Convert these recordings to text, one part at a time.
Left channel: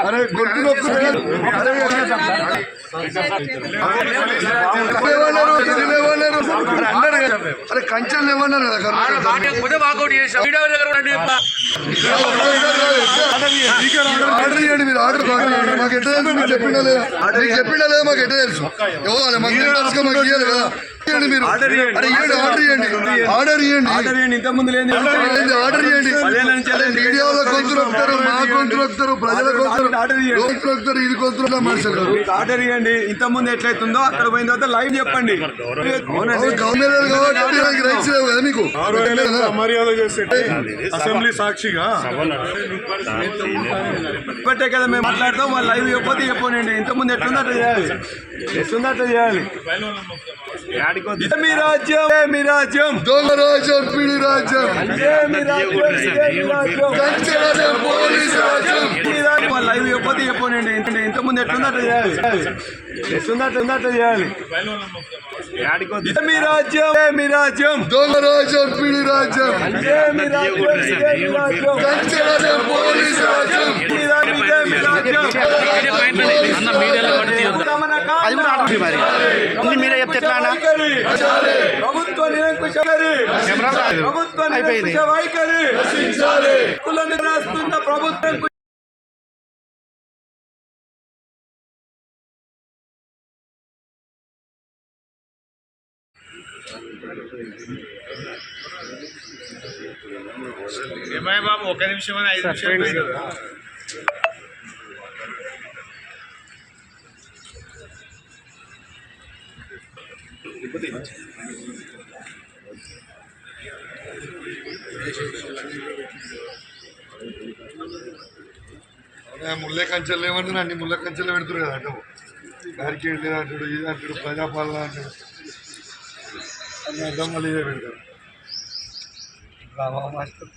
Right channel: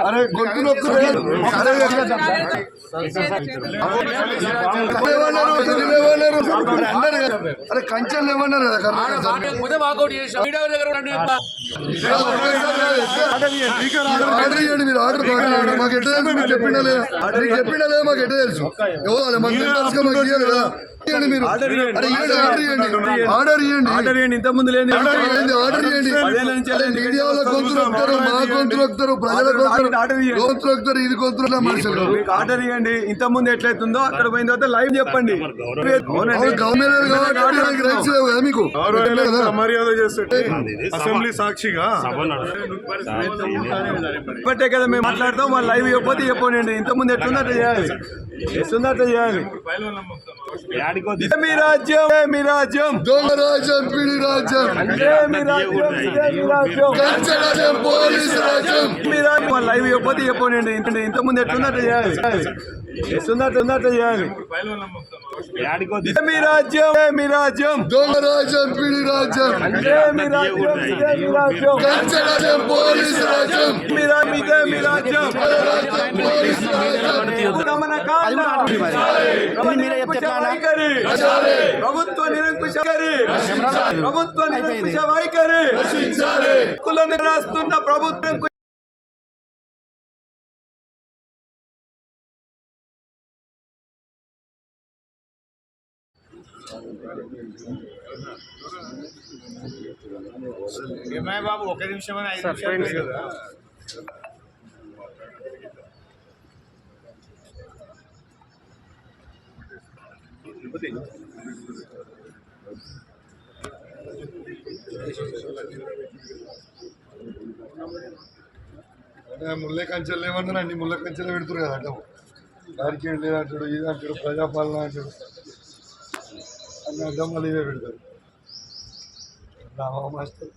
అరే గొంతు అరే అన్నారు అరే కంచెలు ఏమన్నారు కదా కర్ణాటక ఆర్డర్ చేయండి మీరు ఆర్డర్ మాకు ఎట్లా తెలుసు మీరు చెప్పిండా లేదా మీకు ఎట్లా తెలుసు ఇవ్వాలి మాకు తెలుసు మాకు ఇవ్వాలి కదా మీరు. అరే ఇవ్వండి ఆర్డర్ ఇవ్వండి ఆర్డర్ ఇవ్వండి ఆర్డర్ చేయండి ఇంత ముందు లేని ఆర్డర్ మీడియా గొంతులు వస్తారు మా వస్తారు ప్రజల ఆర్డర్ ఇది మనుషులు మీకు ఆర్డర్ ఇవ్వండి ఇంత ముందు ఎట్లయితుందో అక్కడ పోయిన తర్వాత లైవ్ చెప్పండి. మీకు? మర్యాద చేస్తే అసెంబ్లీ సాక్షిగా? ఇప్పటికే కదా మేము మాట్లాడతాం వాళ్ళు లైవ్ చెప్పకపోతే చెప్పండి ఇంత ముందు ఎట్లుందో అట్లా చేయాలి. ఎట్లుందో అట్లా చేయాలి. ఇదే మీ రాజ్యం ఇదే మీ రాజ్యం దొంగ రాజ్యం పిడి రాజ్యం మీ రాజ్యం పోలీస్ రాజ్యం లైవ్ చెప్పకపోతే చెప్పండి ఇంత ముందు ఎట్లుందో అట్లా చేయాలి అట్లా అట్లా చేయాలి మీ రాజ్యం మీ రాజ్యం దొంగ రాజ్యం పిడి రాజ్యం మీ రాజ్యం పోలీస్ రాజ్యం మీ రాజ్యం దమన కాండ. మీరే చెప్తే ఎట్లా అన్న? వైఖరి. ప్రభుత్వ నిరంకుశ వైఖరి. ప్రభుత్వ నిరంకుశ వైఖరి కులను రాస్తున్న ప్రభుత్వం బాబు ఒక నిమిషం ఐదు నిమిషాలు ముళ్ళ కంచెలు ఏమంటారు అన్ని ముళ్ళ కంచెలు పెడుతున్నారు కదా అంటే దానికి ఏంటి అంటాడు ఇది అంటాడు ప్రజాపాలన అంటాడు. అన్ని అర్థం మళ్ళీ ఇదే పెడతారు. రామా మాస్టర్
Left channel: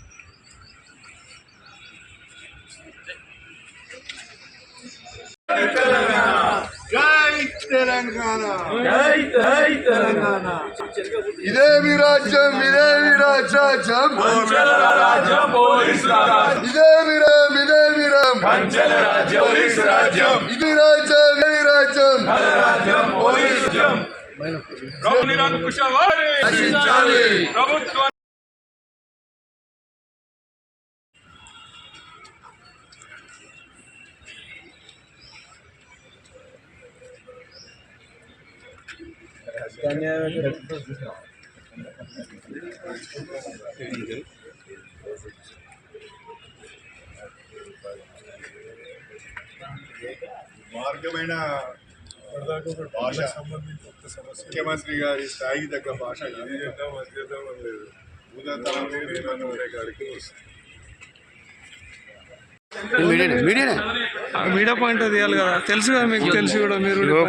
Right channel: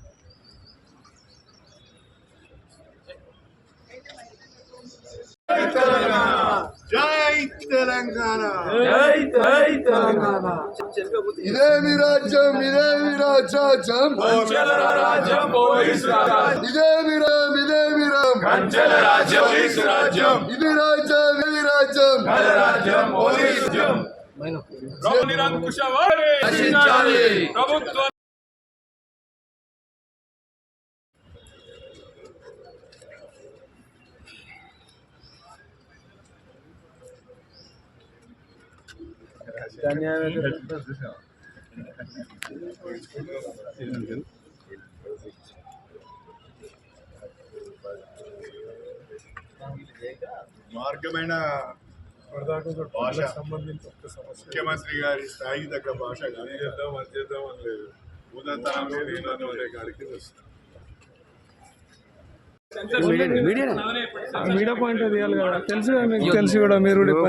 తెలంగాణ. తెలంగాణ. ఇదే మీ రాజ్యం ఇదే మీ రాజ్యం. రాజ్యం పోలీస్ రాజ్యం. ఇదే మీ రామ్ ఇదే మీ రామ్. కంచెల రాజ్యం పోలీస్ రాజ్యం. ఇది రాజ్యం ఇది రాజ్యం. రాజ్యం. మార్గమైన భాష. ముఖ్యమంత్రి గారి స్థాయికి తగ్గ భాష ఇది చేద్దాం అది చేద్దాం అని లేదు. ఉదతరంలో నీళ్ళను అనే కాడికి వస్తుంది మీడియానే మీడియా పాయింట్ తీయాలి కదా. తెలుసు కదా మీకు తెలుసు కూడా మీరు.